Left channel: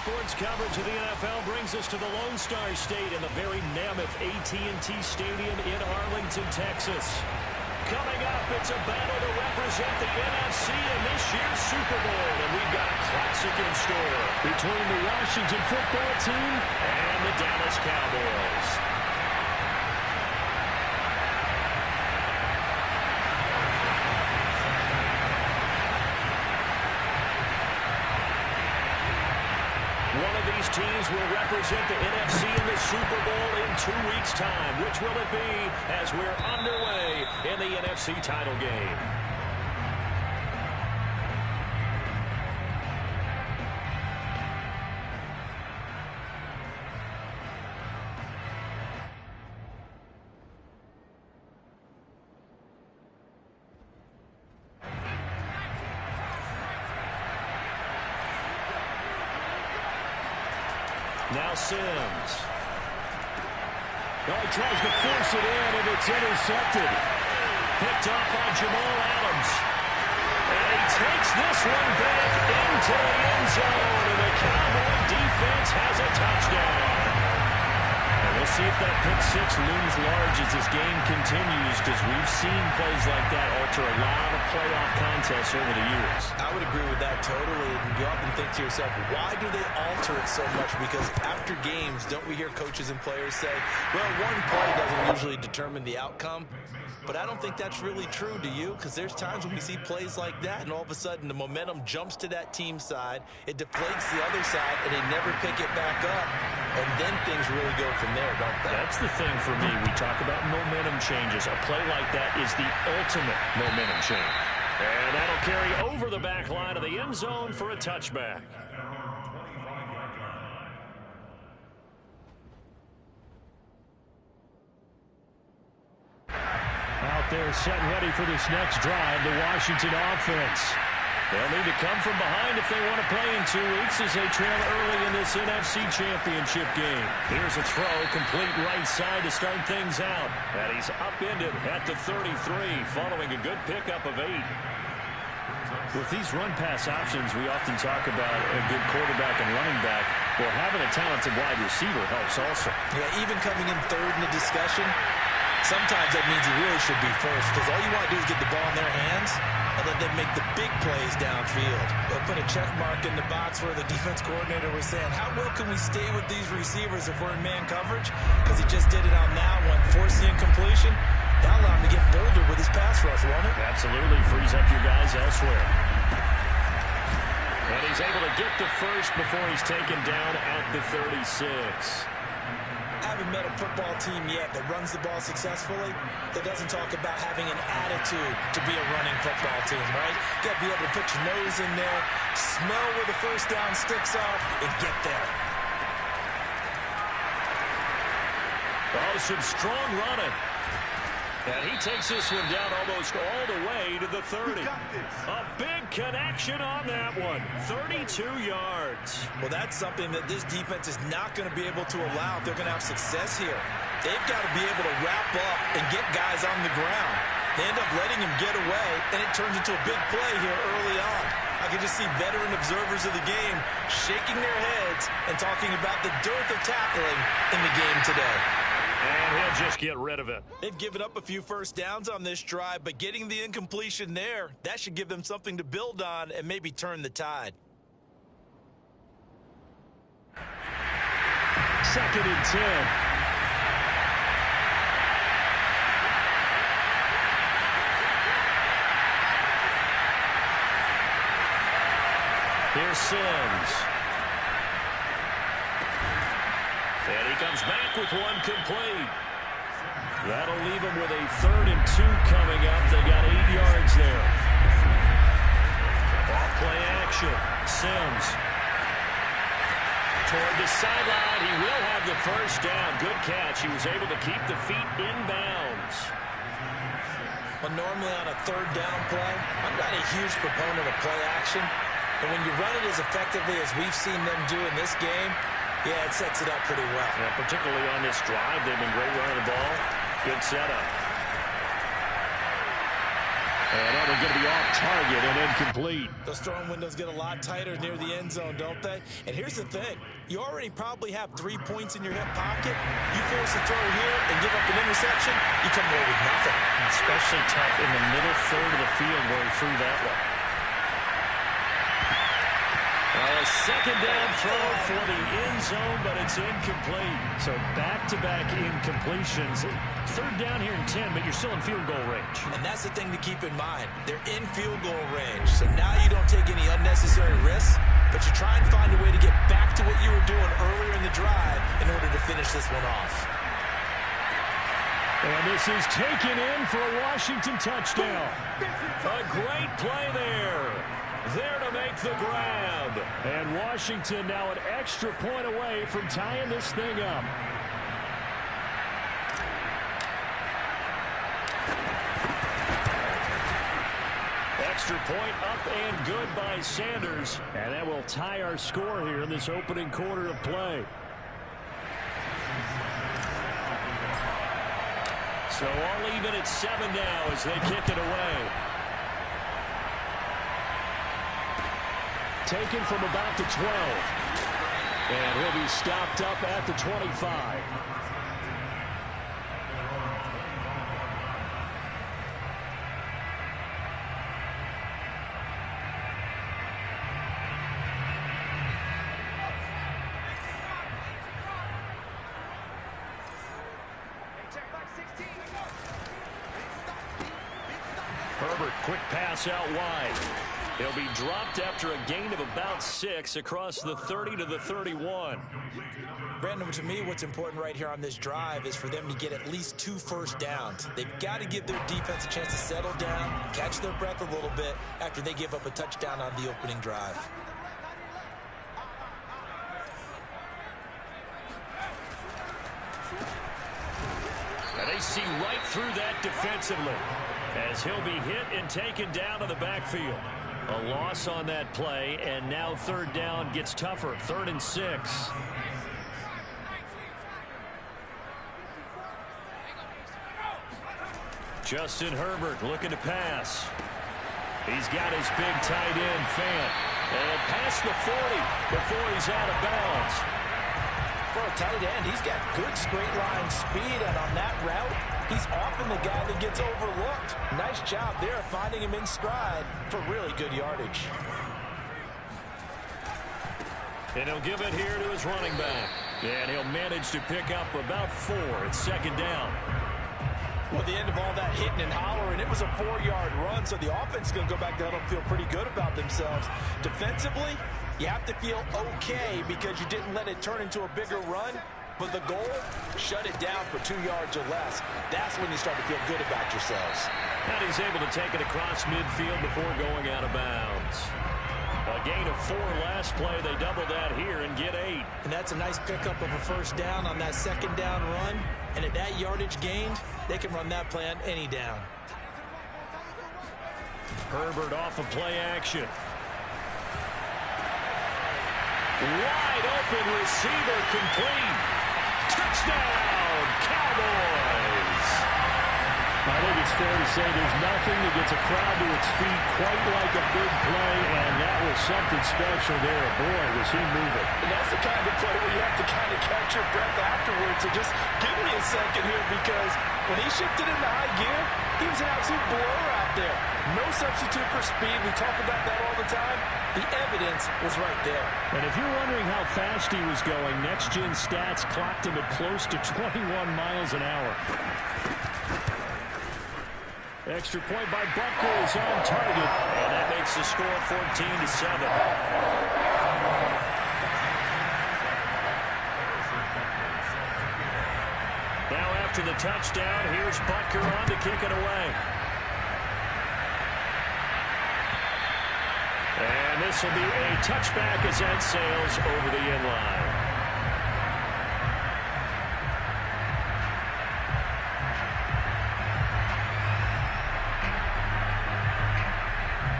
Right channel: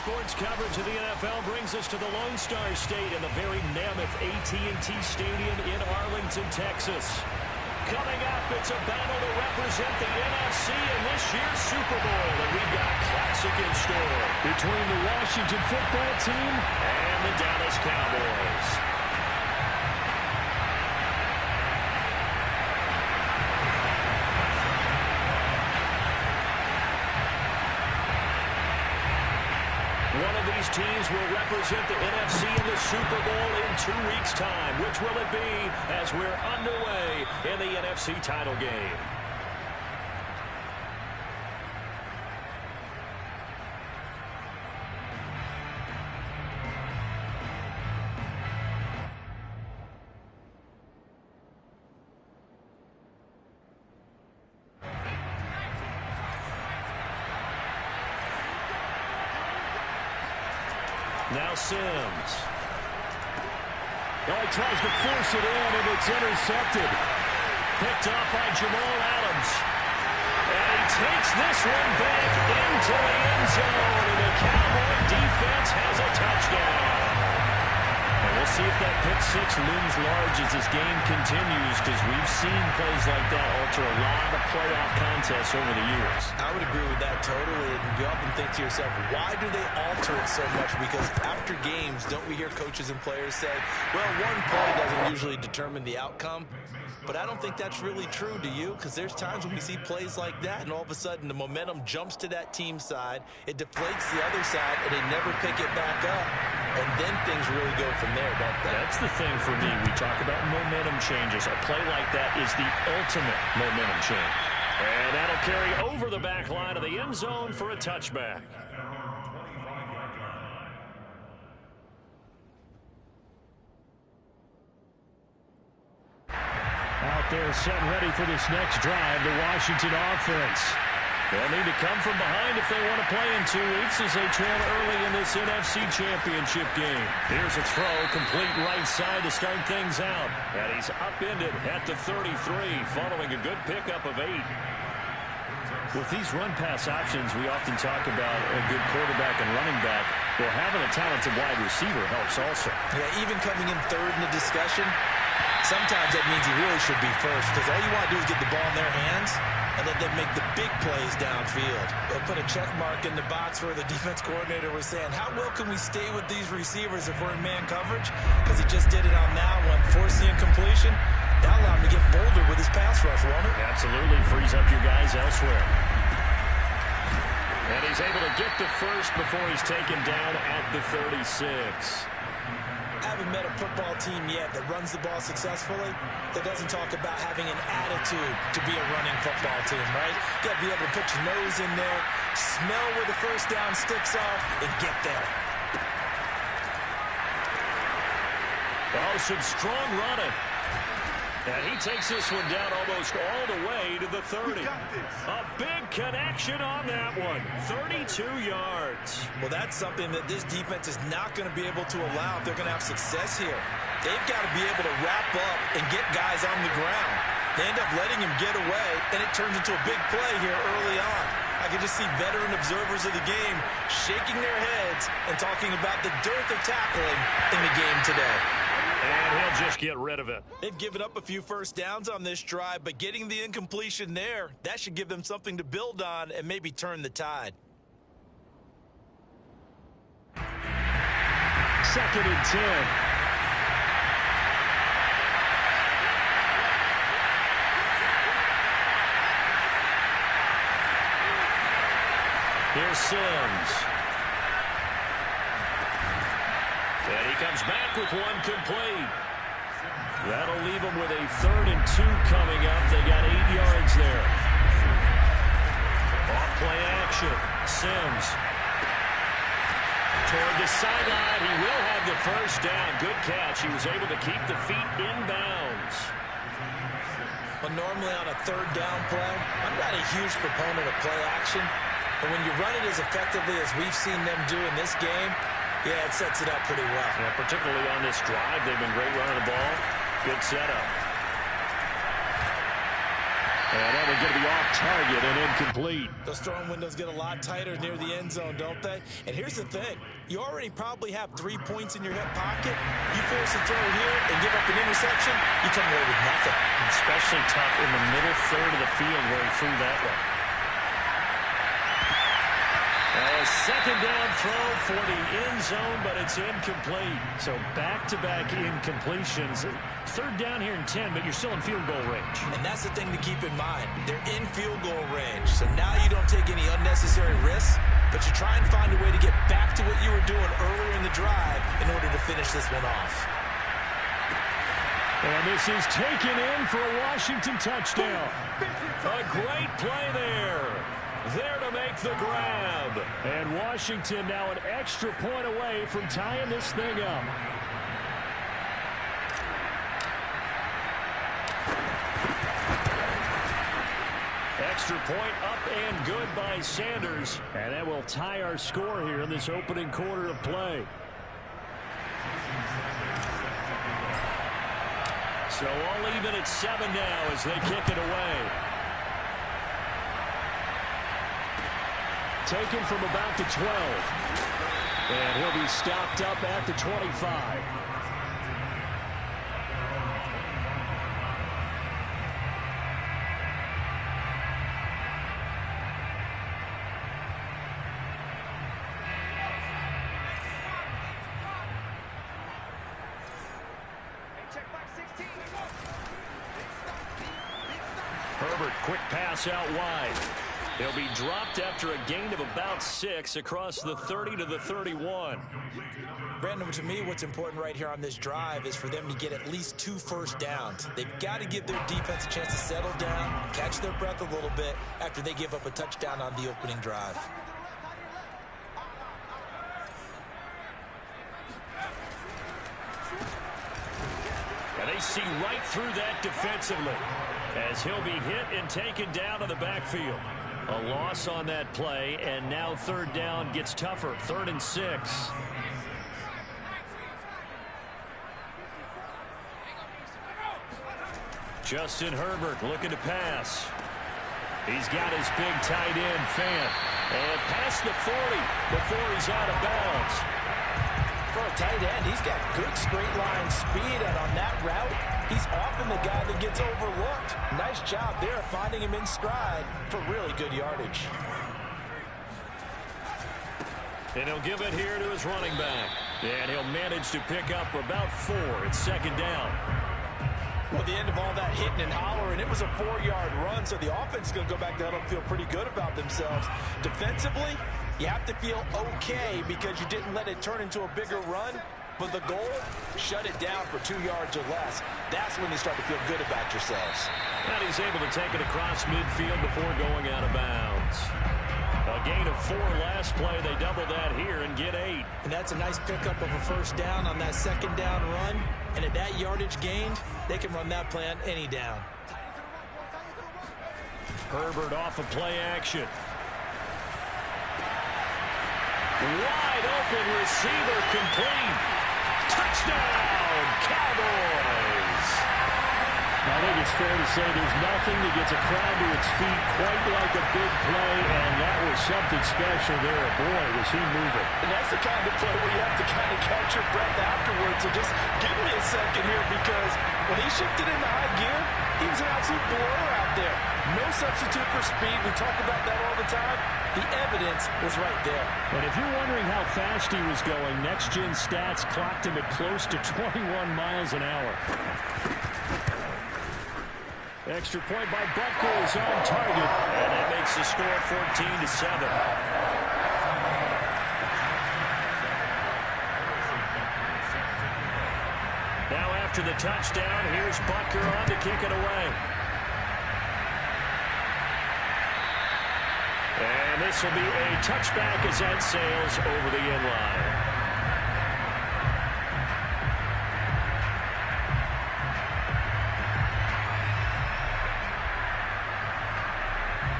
Sports coverage of the NFL brings us to the Lone Star State in the very mammoth AT&T Stadium in Arlington, Texas. Coming up, it's a battle to represent the NFC in this year's Super Bowl, and we've got a classic in store between the Washington football team and the Dallas Cowboys. One of these teams will represent the NFC in the Super Bowl in 2 weeks' time. Which will it be as we're underway in the NFC title game? Now Sims. Oh, he tries to force it in, and it's intercepted. Picked off by Jamal Adams. And he takes this one back into the end zone, and the Cowboy defense has a touchdown. And we'll see if that pick six looms large as this game continues, because we've seen plays like that alter a lot of playoff contests over the years. I would agree with that totally. And you often think to yourself, why do they alter it so much? Because after games, don't we hear coaches and players say, well, one play doesn't usually determine the outcome. But I don't think that's really true, do you? Because there's times when we see plays like that, and all of a sudden the momentum jumps to that team side, it deflates the other side, and they never pick it back up. And then things really go from there, don't they? That's the thing for me. We talk about momentum changes. A play like that is the ultimate momentum change. And that'll carry over the back line of the end zone for a touchback. Out there set and ready for this next drive, the Washington offense. They'll need to come from behind if they want to play in 2 weeks as they trail early in this NFC Championship game. Here's a throw, complete right side to start things out. And he's upended at the 33, following a good pickup of 8. With these run-pass options, we often talk about a good quarterback and running back. Well, having a talented wide receiver helps also. Yeah, even coming in third in the discussion, sometimes that means he really should be first, because all you want to do is get the ball in their hands and let them make the big plays downfield. They'll put a check mark in the box where the defense coordinator was saying, how well can we stay with these receivers if we're in man coverage? Because he just did it on that one, forced the incompletion. That'll allow him to get bolder with his pass rush, won't it? Absolutely, frees up your guys elsewhere. And he's able to get the first before he's taken down at the 36. I haven't met a football team yet that runs the ball successfully that doesn't talk about having an attitude to be a running football team, right? You got to be able to put your nose in there, smell where the first down sticks are, and get there. Oh, some strong running. And he takes this one down almost all the way to the 30. A big connection on that one. 32 yards. Well, that's something that this defense is not going to be able to allow if they're going to have success here. They've got to be able to wrap up and get guys on the ground. They end up letting him get away, and it turns into a big play here early on. I can just see veteran observers of the game shaking their heads and talking about the dearth of tackling in the game today. And he'll just get rid of it. They've given up a few first downs on this drive, but getting the incompletion there, that should give them something to build on and maybe turn the tide. 2nd and 10. Here's Sims. And he comes back with one complete. That'll leave him with a 3rd and 2 coming up. They got 8 yards there. Off play action. Sims. Toward the sideline. He will have the first down. Good catch. He was able to keep the feet in bounds. Well, normally on a 3rd down play, I'm not a huge proponent of play action. But when you run it as effectively as we've seen them do in this game, yeah, it sets it up pretty well. Yeah, particularly on this drive. They've been great running the ball. Good setup. And that one's going to be off target and incomplete. Those throwing windows get a lot tighter near the end zone, don't they? And here's the thing. You already probably have 3 points in your hip pocket. You force a throw here and give up an interception, you come away with nothing. Especially tough in the middle third of the field where he threw that one. Well, a second down throw for the end zone, but it's incomplete. So back-to-back incompletions. Third down here in 10, but you're still in field goal range. And that's the thing to keep in mind. They're in field goal range. So now you don't take any unnecessary risks, but you try and find a way to get back to what you were doing earlier in the drive in order to finish this one off. And this is taken in for a Washington touchdown. A great play there. There to make the grab. And Washington now an extra point away from tying this thing up. Extra point up and good by Sanders. And that will tie our score here in this opening quarter of play. So all even at 7 now as they kick it away. Taken from about the 12. And he'll be stopped up at the 25. Herbert, quick pass out wide. He'll be dropped after a gain of about 6 across the 30 to the 31. Brandon, to me, what's important right here on this drive is for them to get at least 2 first downs. They've got to give their defense a chance to settle down, catch their breath a little bit after they give up a touchdown on the opening drive. And they see right through that defensively as he'll be hit and taken down to the backfield. A loss on that play, and now third down gets tougher. 3rd and 6. Justin Herbert looking to pass. He's got his big tight end, Fant. And past the 40 before he's out of bounds. For a tight end, he's got good straight line speed, and on that route, he's often the guy that gets overlooked. Nice job there finding him in stride for really good yardage. And he'll give it here to his running back. And he'll manage to pick up about 4. It's 2nd down. Well, the end of all that hitting and hollering, it was a 4-yard run, so the offense is going to go back to huddle and feel pretty good about themselves. Defensively, you have to feel okay because you didn't let it turn into a bigger run. But the goal, shut it down for 2 yards or less. That's when you start to feel good about yourselves. And he's able to take it across midfield before going out of bounds. A gain of 4 last play. They double that here and get 8. And that's a nice pickup of a first down on that 2nd down run. And at that yardage gained, they can run that play on any down. Herbert off of play action. Wide open receiver complete. Touchdown, Cowboys. I think it's fair to say there's nothing that gets a crowd to its feet quite like a big play, and that was something special there. Boy, was he moving. And that's the kind of play where you have to kind of catch your breath afterwards. So just give me a second here, because when he shifted into high gear, he was an absolute blur out there. No substitute for speed. We talk about that all the time. The evidence was right there. And if you're wondering how fast he was going, Next Gen Stats clocked him at close to 21 miles an hour. Extra point by Butker is on target, and that makes the score 14-7. Now after the touchdown, here's Butker on to kick it away. And this will be a touchback as that sails over the end line.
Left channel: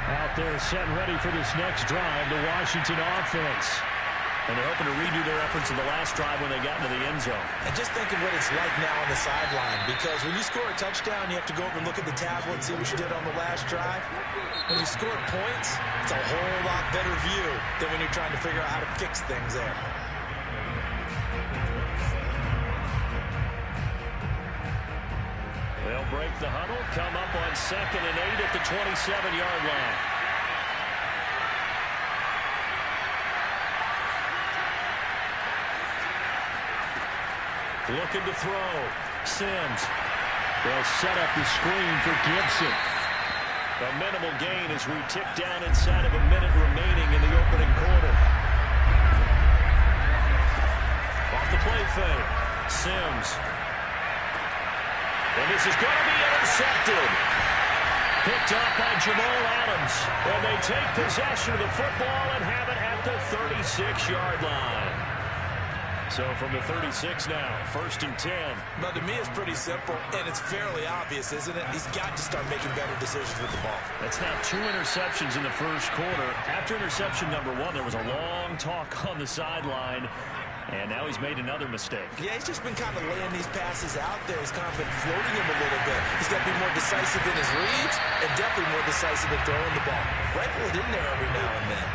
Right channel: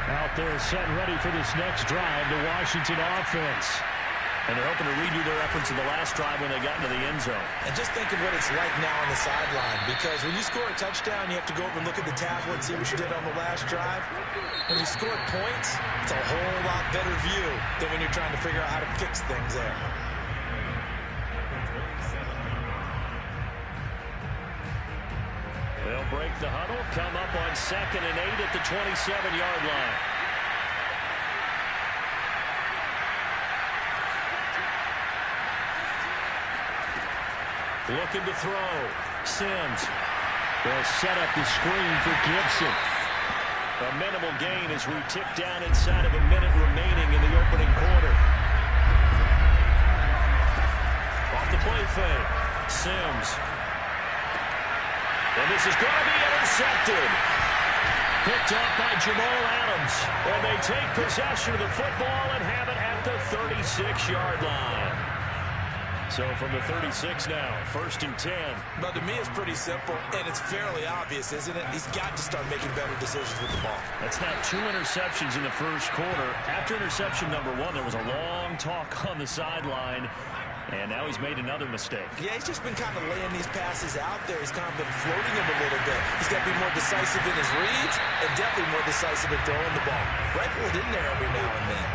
Out there set and ready for this next drive, the Washington offense. And they're hoping to redo their efforts in the last drive when they got into the end zone. And just think of what it's like now on the sideline, because when you score a touchdown, you have to go over and look at the tablet and see what you did on the last drive. When you scored points, it's a whole lot better view than when you're trying to figure out how to fix things there. They'll break the huddle, come up on 2nd and 8 at the 27-yard line. Looking to throw. Sims. They'll set up the screen for Gibson. A minimal gain as we tick down inside of a minute remaining in the opening quarter. Off the play fake. Sims. And this is going to be intercepted. Picked off by Jamal Adams. And they take possession of the football and have it at the 36-yard line. So from the 36 now, 1st and 10. But to me, it's pretty simple, and it's fairly obvious, isn't it? He's got to start making better decisions with the ball. That's now 2 interceptions in the first quarter. After interception number 1, there was a long talk on the sideline, and now he's made another mistake. Yeah, he's just been kind of laying these passes out there. He's kind of been floating them a little bit. He's got to be more decisive in his reads and definitely more decisive in throwing the ball. Rifle it in there every now and then.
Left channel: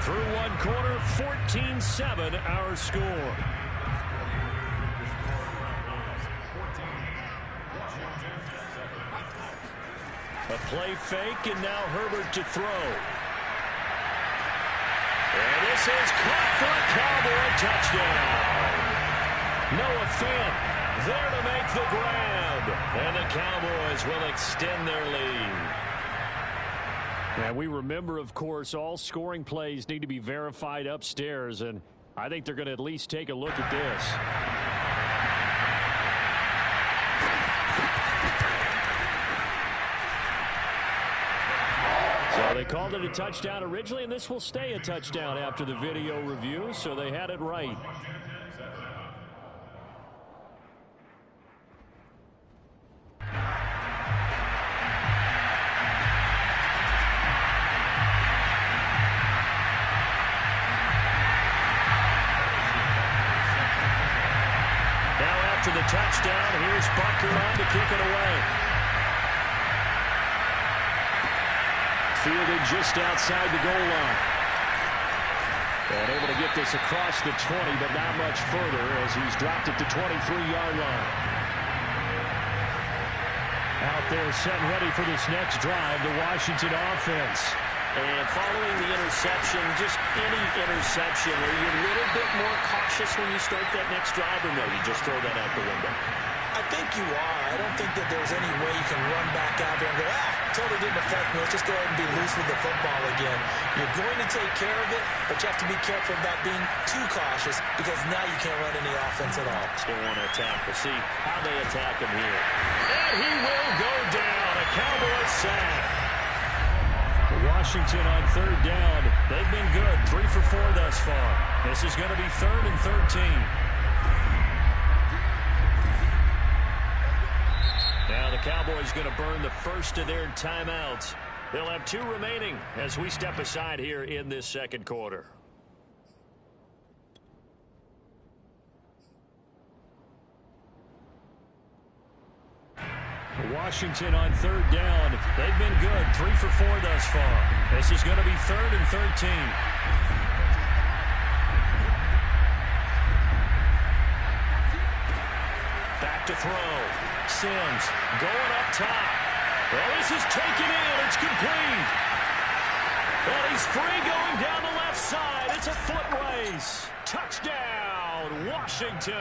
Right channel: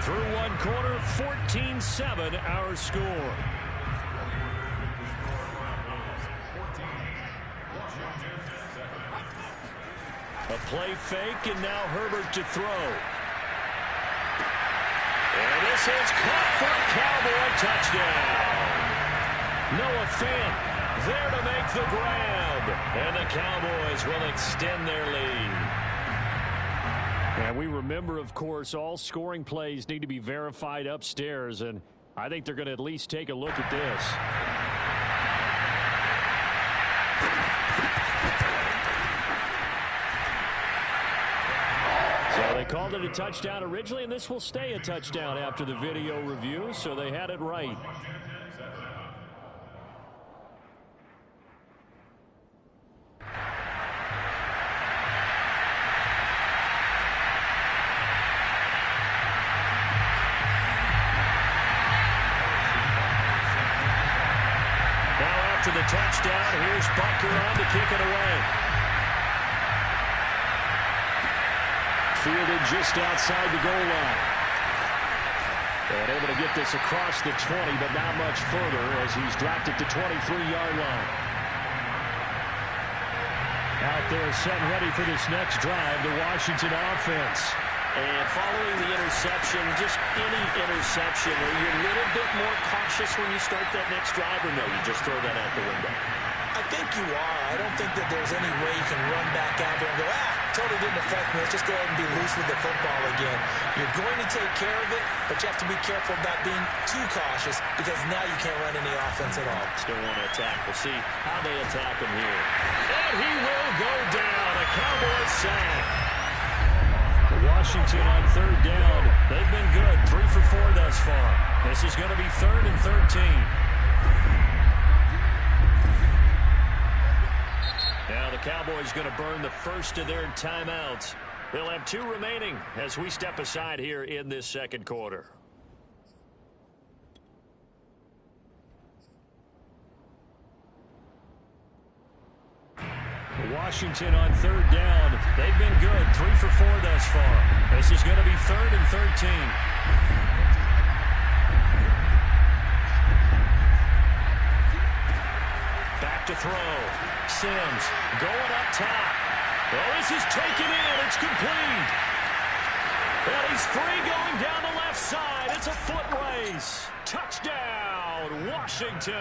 Through one quarter, 14-7 our score. A play fake, and now Herbert to throw. And this is caught for a Cowboy touchdown. Noah Fant there to make the grab. And the Cowboys will extend their lead. And we remember, of course, all scoring plays need to be verified upstairs, and I think they're going to at least take a look at this. So they called it a touchdown originally, and this will stay a touchdown after the video review, so they had it right. After the touchdown, here's Butker on to kick it away. Fielded just outside the goal line. And able to get this across the 20, but not much further as he's dropped it to 23-yard line. Out there set and ready for this next drive, the Washington offense. And following the interception, just any interception, are you a little bit more cautious when you start that next drive, or no, you just throw that out the window? I think you are. I don't think that there's any way you can run back out there and go, totally didn't affect me. Let's just go ahead and be loose with the football again. You're going to take care of it, but you have to be careful about being too cautious because now you can't run any offense at all. Still want to attack. We'll see how they attack him here. And he will go down. A Cowboys sack. Washington on 3rd down. They've been good. 3 for 4 thus far. This is going to be 3rd and 13. Now the Cowboys going to burn the first of their timeouts. They'll have 2 remaining as we step aside here in this second quarter. Washington on 3rd down. They've been good. 3 for 4 thus far. This is going to be 3rd and 13. Back to throw. Sims going up top. Oh, this is taken in. It's complete. And he's free going down the left side. It's a foot race. Touchdown, Washington.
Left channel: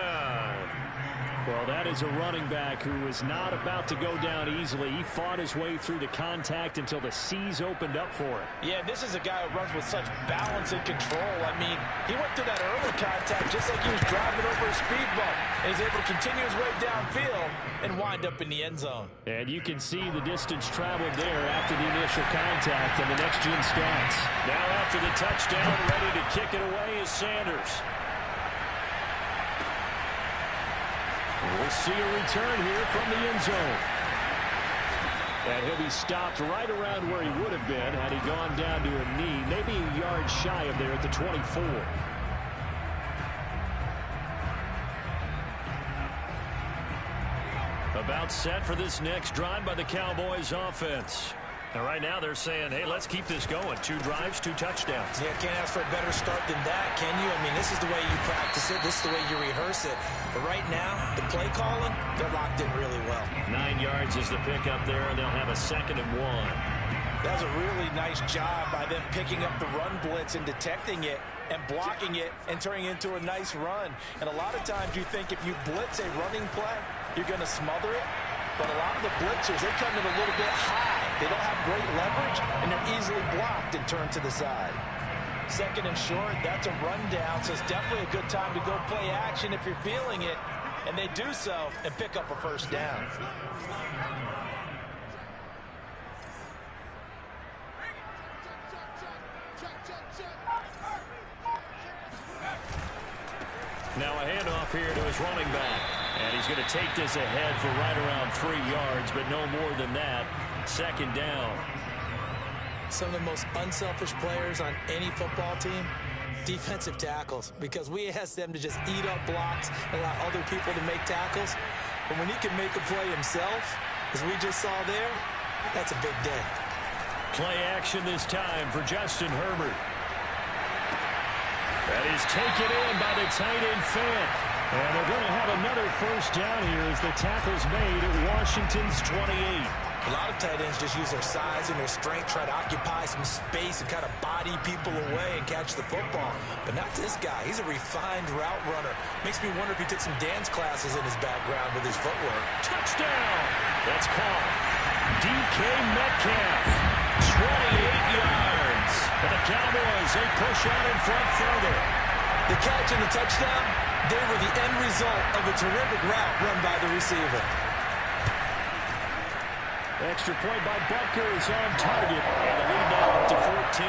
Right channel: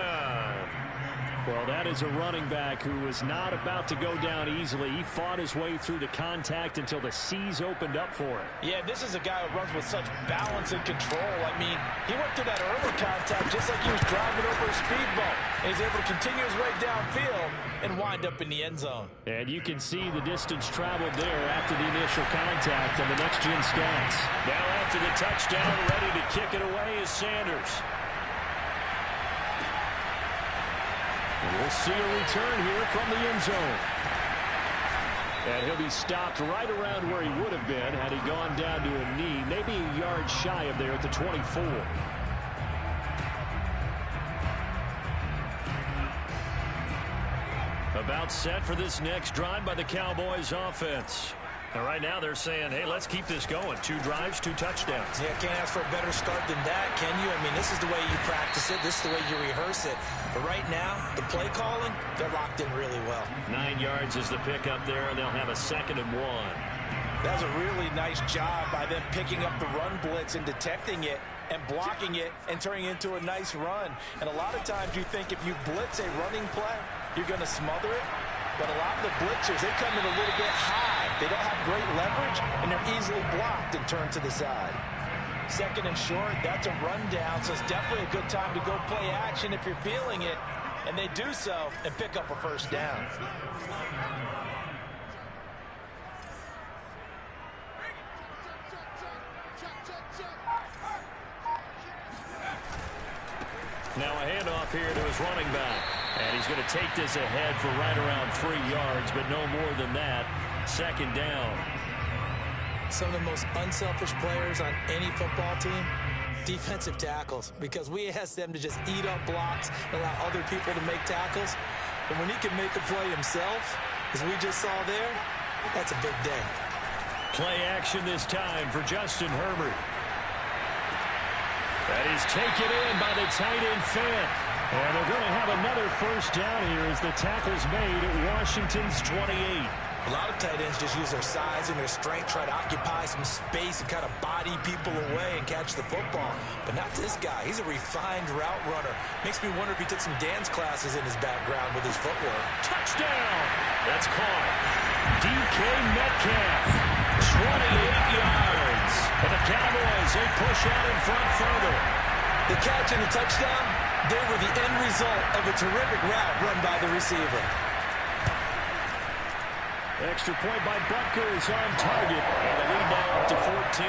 Well, that is a running back who was not about to go down easily. He fought his way through the contact until the seas opened up for him. Yeah, this is a guy who runs with such balance and control. I mean, he went through that early contact just like he was driving over a speed bump. And he's able to continue his way downfield and wind up in the end zone. And you can see the distance traveled there after the initial contact on the next-gen stats. Now after the touchdown, ready to kick it away is Sanders. We'll see a return here from the end zone. And he'll be stopped right around where he would have been had he gone down to a knee, maybe a yard shy of there at the 24. About set for this next drive by the Cowboys offense. And right now they're saying, hey, let's keep this going. 2 drives, 2 touchdowns. Yeah, can't ask for a better start than that, can you? I mean, this is the way you practice it. This is the way you rehearse it. But right now, the play calling, they're locked in really well. 9 yards is the pickup there, and they'll have a 2nd and 1. That was a really nice job by them picking up the run blitz and detecting it and blocking it and turning it into a nice run. And a lot of times you think if you blitz a running play, you're going to smother it. But a lot of the blitzers, they come in a little bit high. They don't have great leverage, and they're easily blocked and turned to the side. 2nd and short, that's a rundown, so it's definitely a good time to go play action if you're feeling it. And they do so and pick up a 1st down. Now a handoff here to his running back. And he's going to take this ahead for right around 3 yards, but no more than that. 2nd down. Some of the most unselfish players on any football team, defensive tackles, because we ask them to just eat up blocks and allow other people to make tackles. But when he can make a play himself, as we just saw there, that's a big day. Play action this time for Justin Herbert. That is taken in by the tight end Fant. And they're going to have another 1st down here as the tackle's made at Washington's 28. A lot of tight ends just use their size and their strength, try to occupy some space and kind of body people away and catch the football. But not this guy. He's a refined route runner. Makes me wonder if he took some dance classes in his background with his footwork. Touchdown! That's caught. DK Metcalf, 28 yards. And the Cowboys, they push out in front further. The catch and the touchdown, they were the end result of a terrific route run by the receiver. Extra point by Butker is on target, and the lead now up to 14.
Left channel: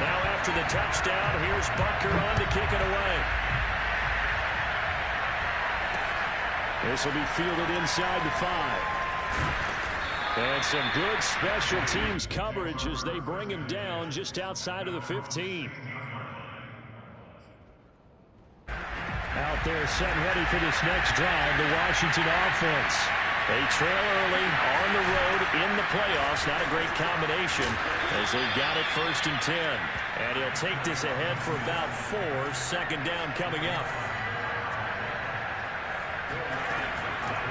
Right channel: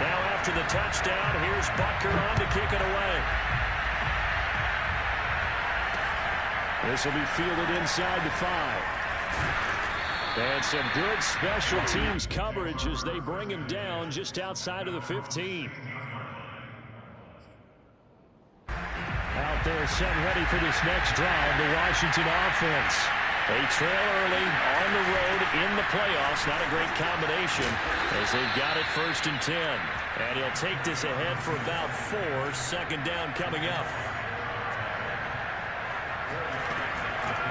Now after the touchdown, here's Butker on to kick it away. This will be fielded inside the 5. And some good special teams coverage as they bring him down just outside of the 15. Out there set and ready for this next drive, the Washington offense. They trail early on the road in the playoffs. Not a great combination as they've got it 1st and 10. And he'll take this ahead for about 4. 2nd down coming up.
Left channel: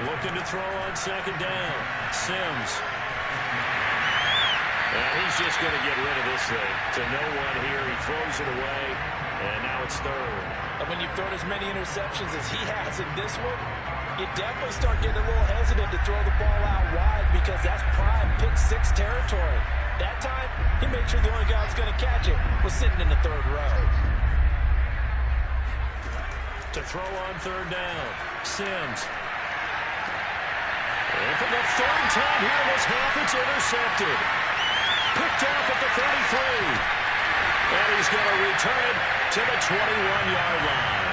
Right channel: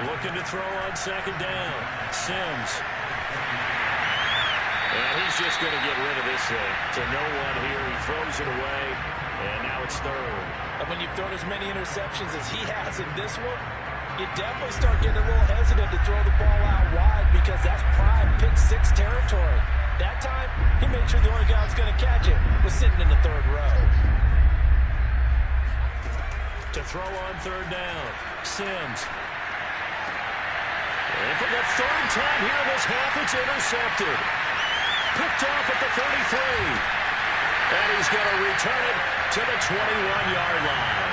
Looking to throw on 2nd down. Sims. And he's just going to get rid of this thing. To no one here. He throws it away. And now it's 3rd. And when you've thrown as many interceptions as he has in this one, you definitely start getting a little hesitant to throw the ball out wide because that's prime pick-6 territory. That time, he made sure the only guy who was going to catch it was sitting in the 3rd row. To throw on 3rd down, Sims. And for the 3rd time here in this half, it's intercepted. Picked off at the 33. And he's going to return it to the 21-yard line.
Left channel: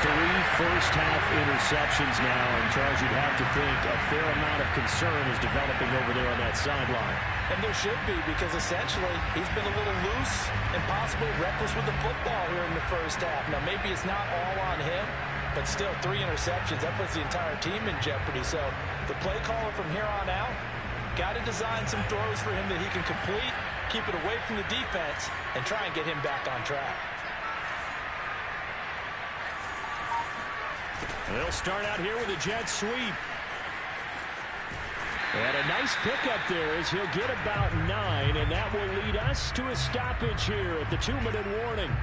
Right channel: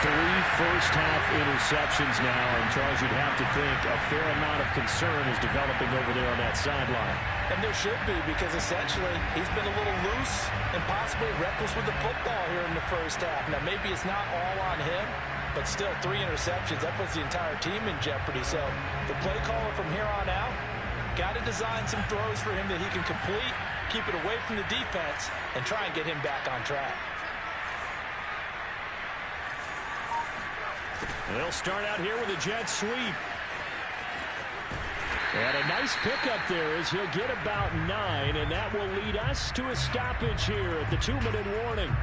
3 first-half interceptions now, and Charles, you'd have to think a fair amount of concern is developing over there on that sideline. And there should be, because essentially he's been a little loose and possibly reckless with the football here in the 1st half. Now, maybe it's not all on him, but still 3 interceptions. That puts the entire team in jeopardy. So the play caller from here on out got to design some throws for him that he can complete, keep it away from the defense, and try and get him back on track. They'll start out here with a jet sweep. And a nice pickup there as he'll get about 9, and that will lead us to a stoppage here at the 2-minute warning.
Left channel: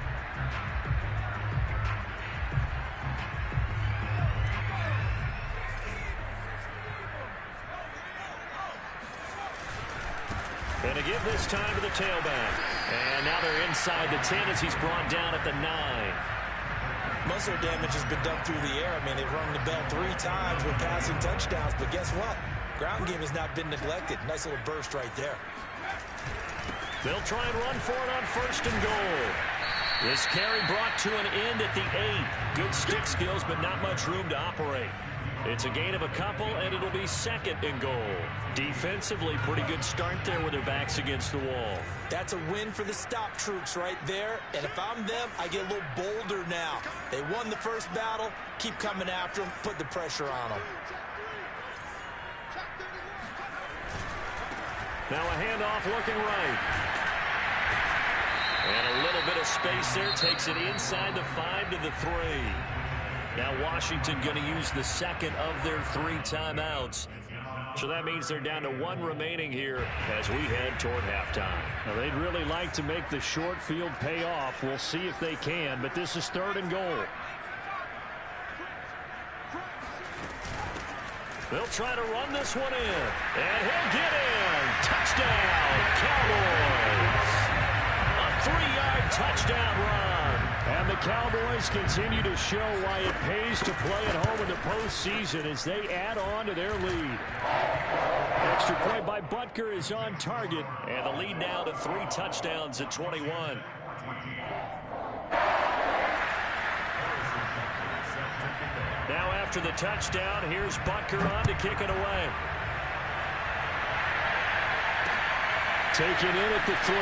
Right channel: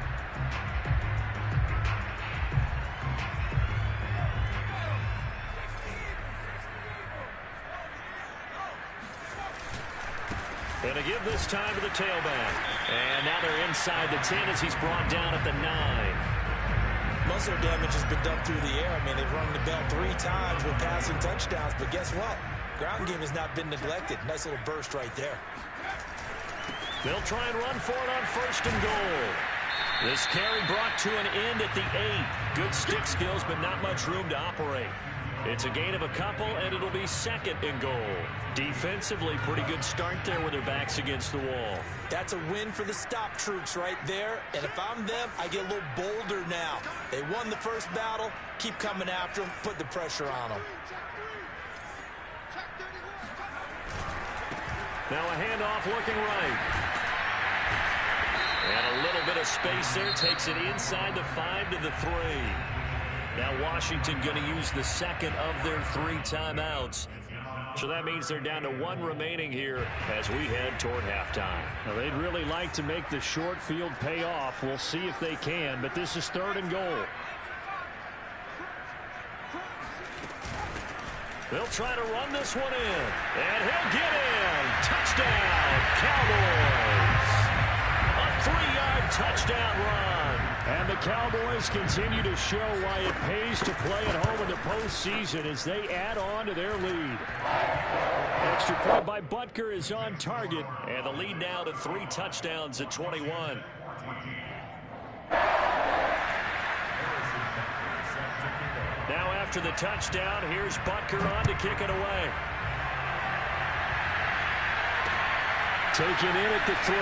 Going to give this time to the tailback. And now they're inside the 10 as he's brought down at the 9. Most of their damage has been done through the air. I mean, they've rung the bell 3 times with passing touchdowns, but guess what? Ground game has not been neglected. Nice little burst right there. They'll try and run for it on 1st and goal. This carry brought to an end at the 8. Good stick skills, but not much room to operate. It's a gain of a couple, and it'll be 2nd and goal. Defensively, pretty good start there with their backs against the wall. That's a win for the stop troops right there. And if I'm them, I get a little bolder now. They won the first battle. Keep coming after them. Put the pressure on them. Now a handoff looking right. And a little bit of space there. Takes it inside the 5 to the 3. Now Washington going to use the 2nd of their 3 timeouts. So that means they're down to 1 remaining here as we head toward halftime. Now they'd really like to make the short field pay off. We'll see if they can, but this is 3rd and goal. They'll try to run this one in. And he'll get in. Touchdown, Cowboys. A 3-yard touchdown run. And the Cowboys continue to show why it pays to play at home in the postseason as they add on to their lead. Extra point by Butker is on target. And the lead now to 3 touchdowns at 21. Now after the touchdown, here's Butker on to kick it away. Taken in at the 3.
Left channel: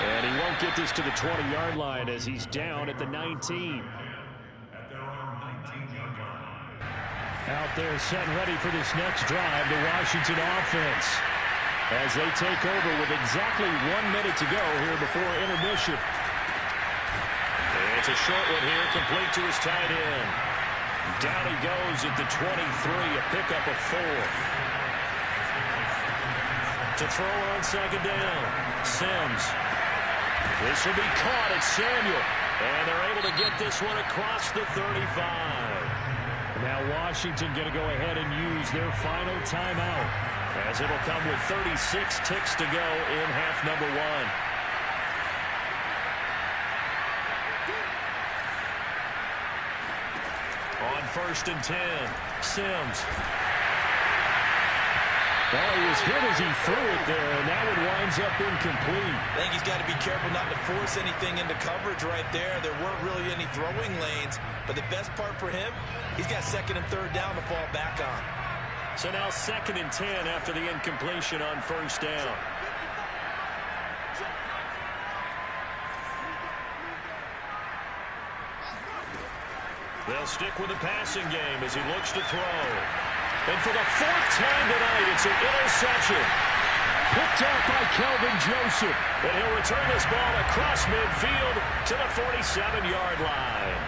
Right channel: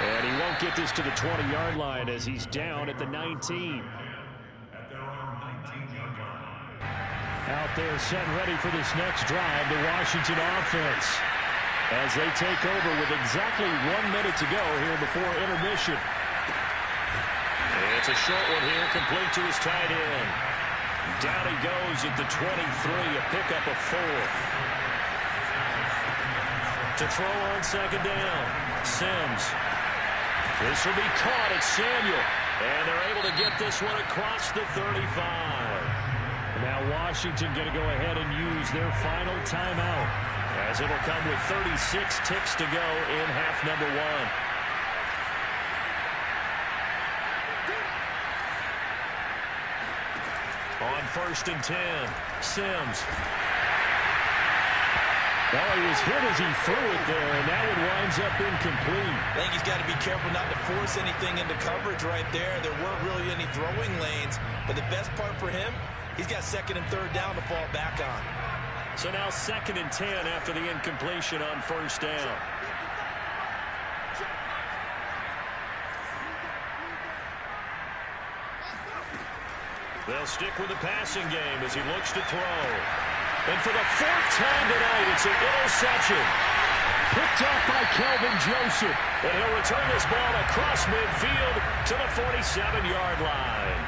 And he won't get this to the 20-yard line as he's down at the 19. Out there set and ready for this next drive, the Washington offense. As they take over with exactly 1 minute to go here before intermission. It's a short one here, complete to his tight end. Down he goes at the 23, a pickup of 4. To throw on 2nd down, Sims. This will be caught at Samuel. And they're able to get this one across the 35. Now Washington going to go ahead and use their final timeout. As it'll come with 36 ticks to go in half number 1. On 1st and 10, Sims. Well, he was hit as he threw it there, and that one winds up incomplete. I think he's got to be careful not to force anything into coverage right there. There weren't really any throwing lanes, but the best part for him, he's got 2nd and 3rd down to fall back on. So now 2nd and 10 after the incompletion on 1st down. They'll stick with the passing game as he looks to throw. And for the 4th time tonight, it's an interception. Picked up by Kelvin Joseph. And he'll return this ball across midfield to the 47-yard line.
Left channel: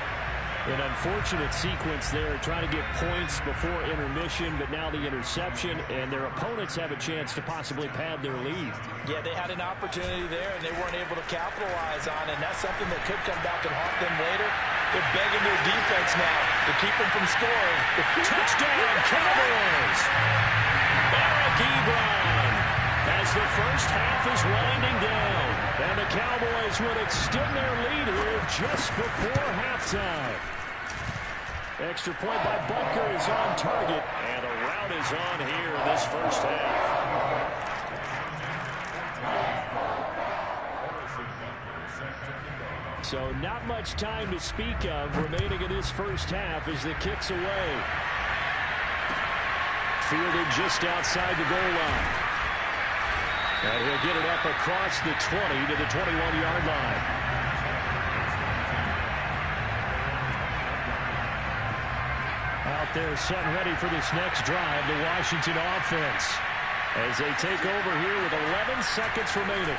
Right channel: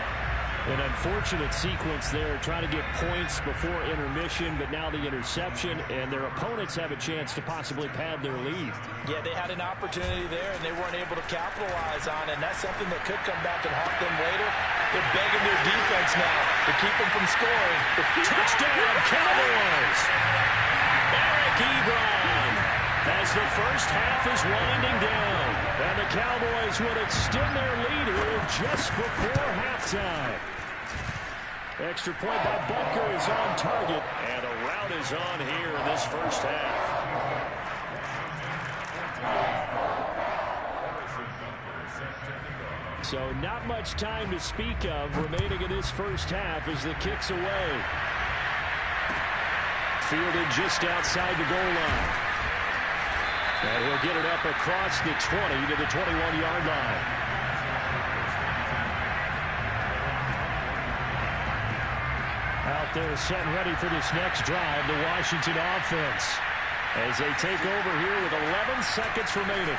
An unfortunate sequence there, trying to get points before intermission, but now the interception, and their opponents have a chance to possibly pad their lead. Yeah, they had an opportunity there, and they weren't able to capitalize on it, and that's something that could come back and haunt them later. They're begging their defense now to keep them from scoring. Touchdown, Cowboys! Eric Ebron as the first half is winding down. And the Cowboys would extend their lead here just before halftime. Extra point by Butker is on target. And a rout is on here in this first half. So not much time to speak of remaining in this first half as the kick's away. Fielded just outside the goal line. And he'll get it up across the 20 to the 21-yard line. Out there set and ready for this next drive, the Washington offense. As they take over here with 11 seconds remaining.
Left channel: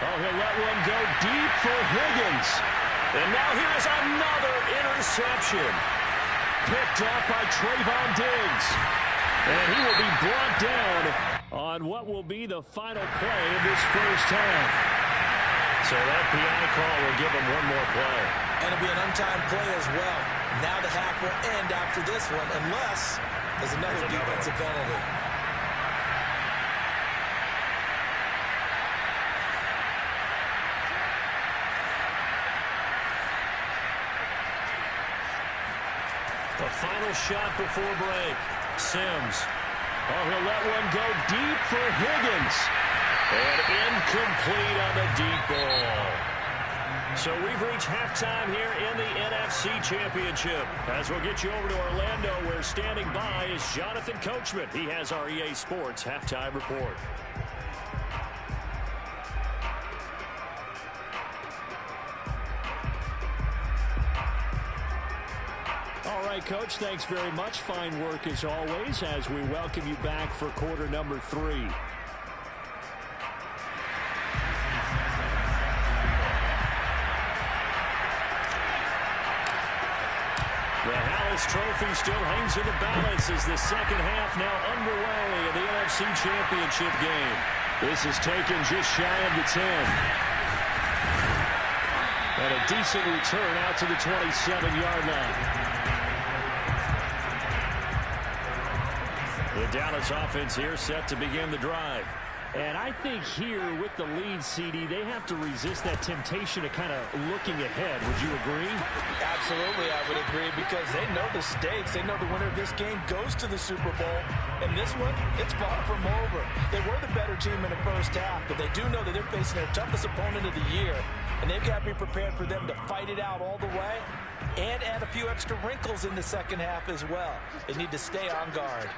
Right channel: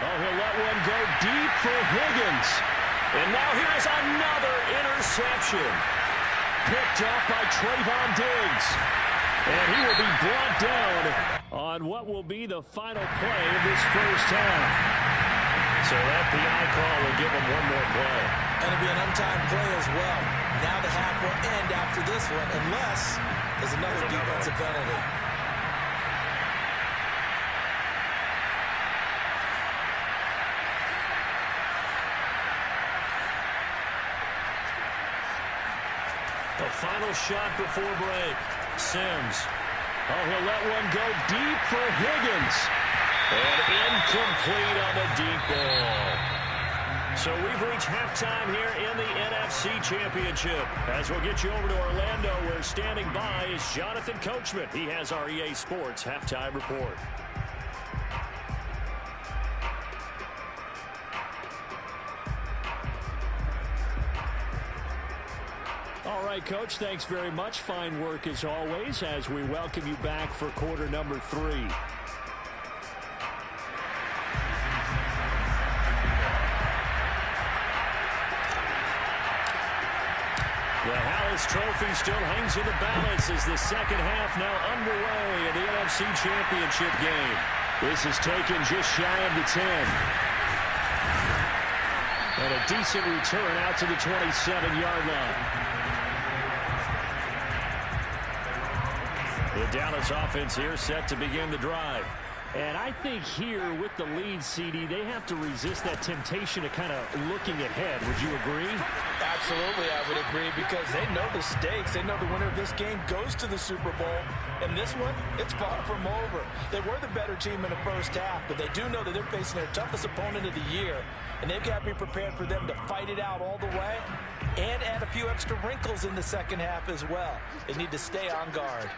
Oh, he'll let one go deep for Higgins. And now here is another interception. Picked off by Trayvon Diggs. And he will be brought down on what will be the final play of this first half. So that PI call will give him one more play. And it'll be an untimed play as well. Now the half will end after this one, unless there's another defensive penalty. The final shot before break. Sims. Oh, he'll let one go deep for Higgins. And incomplete on the deep ball. So we've reached halftime here in the NFC Championship. As we'll get you over to Orlando, where standing by is Jonathan Coachman. He has our EA Sports halftime report. All right, Coach, thanks very much. Fine work as always as we welcome you back for quarter number 3. The Hallis Trophy still hangs in the balance as the second half now underway in the NFC Championship game. This is taken just shy of the 10. And a decent return out to the 27-yard line. The Dallas offense here set to begin the drive. And I think here with the lead, CD, they have to resist that temptation of kind of looking ahead. Would you agree? Absolutely, I would agree, because they know the stakes. They know the winner of this game goes to the Super Bowl. And this one, it's far from over. They were the better team in the first half, but they do know that they're facing their toughest opponent of the year. And they've got to be prepared for them to fight it out all the way and add a few extra wrinkles in the second half as well. They need to stay on guard.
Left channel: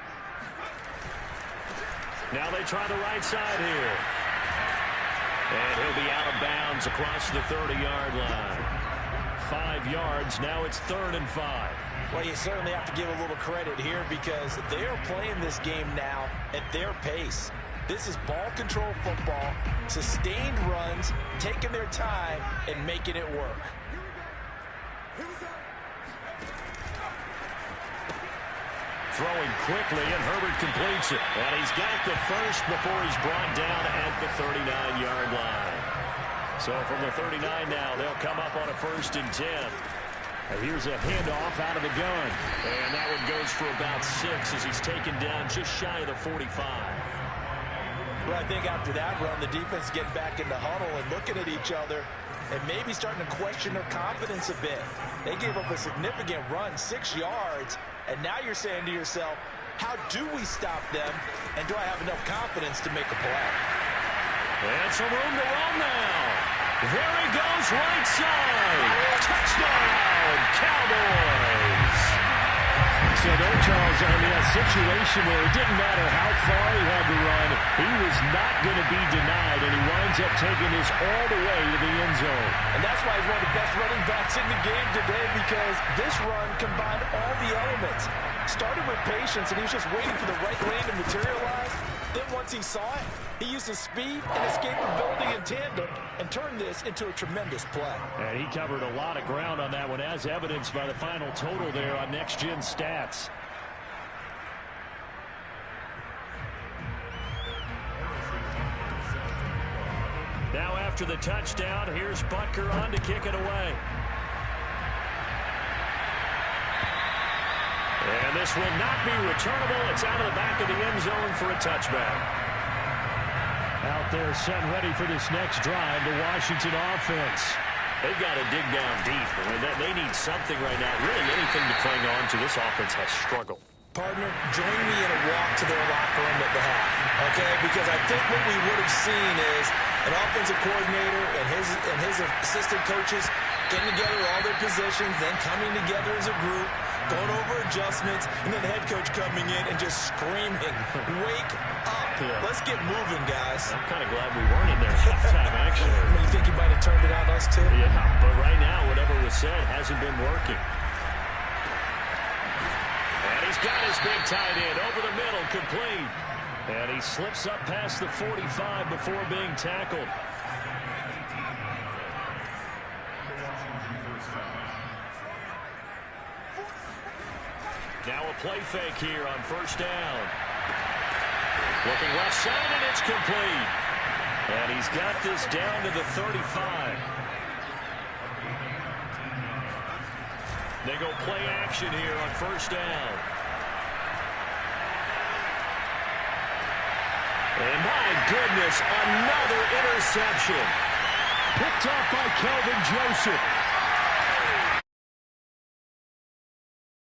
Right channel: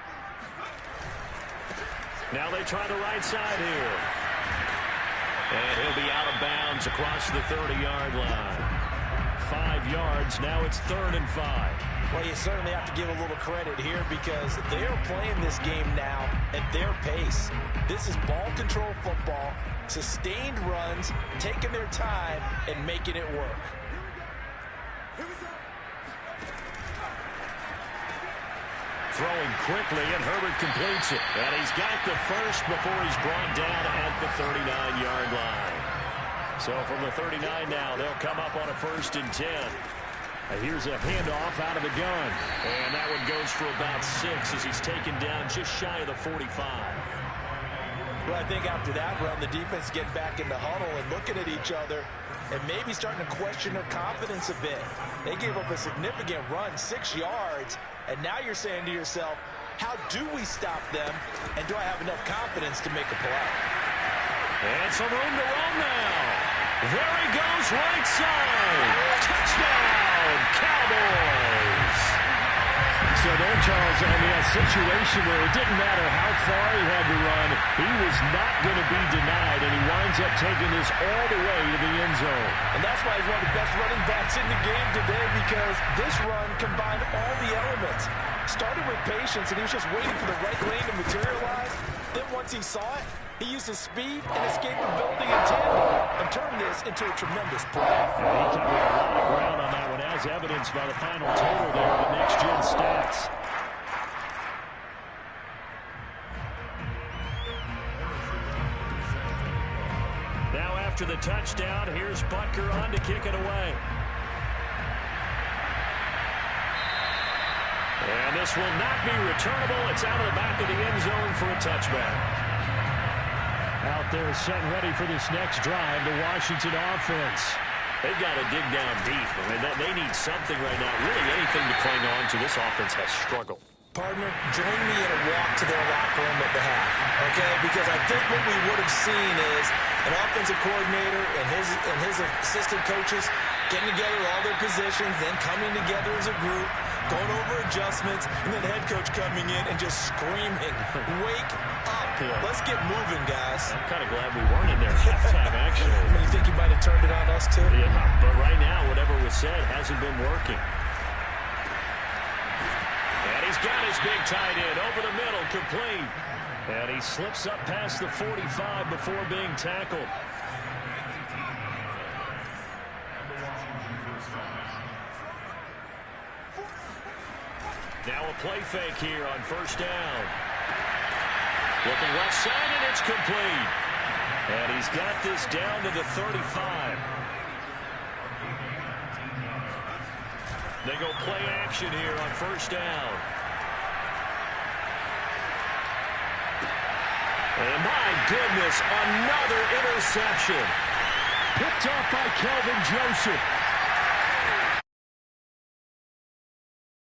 Now they try the right side here. And he'll be out of bounds across the 30-yard line. 5 yards. Now it's 3rd and 5. Well, you certainly have to give a little credit here because they are playing this game now at their pace. This is ball control football, sustained runs, taking their time, and making it work. Throwing quickly, and Herbert completes it. And he's got the first before he's brought down at the 39-yard line. So from the 39 now, they'll come up on a 1st and 10. Here's a handoff out of the gun. And that one goes for about 6 as he's taken down just shy of the 45. Well, I think after that run, the defense is getting back in the huddle and looking at each other and maybe starting to question their confidence a bit. They gave up a significant run, 6 yards, and now you're saying to yourself, how do we stop them, and do I have enough confidence to make a play? And some room to roam now. There he goes, right side. Touchdown, Cowboys. So there, Charles, I mean, a situation where it didn't matter how far he had to run, he was not going to be denied, and he winds up taking this all the way to the end zone. And that's why he's one of the best running backs in the game today, because this run combined all the elements. Started with patience, and he was just waiting for the right lane to materialize. Then once he saw it, he used his speed and escapability in tandem and turned this into a tremendous play. Yeah, he covered a lot of ground on that one, as evidenced by the final total there on Next Gen Stats. Now after the touchdown, here's Butker on to kick it away. And this will not be returnable. It's out of the back of the end zone for a touchback. Out there set and ready for this next drive, the Washington offense. They've got to dig down deep. I mean, they need something right now. Really anything to cling on to. This offense has struggled. Partner, join me in a walk to their locker room at the half, okay? Because I think what we would have seen is an offensive coordinator and his assistant coaches getting together all their positions, then coming together as a group, going over adjustments, and then the head coach coming in and just screaming, wake up. Yeah. Let's get moving, guys. I'm kind of glad we weren't in there halftime, actually. You think he might have turned it on us, too? Yeah, but right now, whatever was said hasn't been working. And he's got his big tight end over the middle, complete. And he slips up past the 45 before being tackled. Now a play fake here on 1st down. Looking left side, and it's complete. And he's got this down to the 35. They go play action here on 1st down. And my goodness, another interception. Picked off by Kelvin Joseph.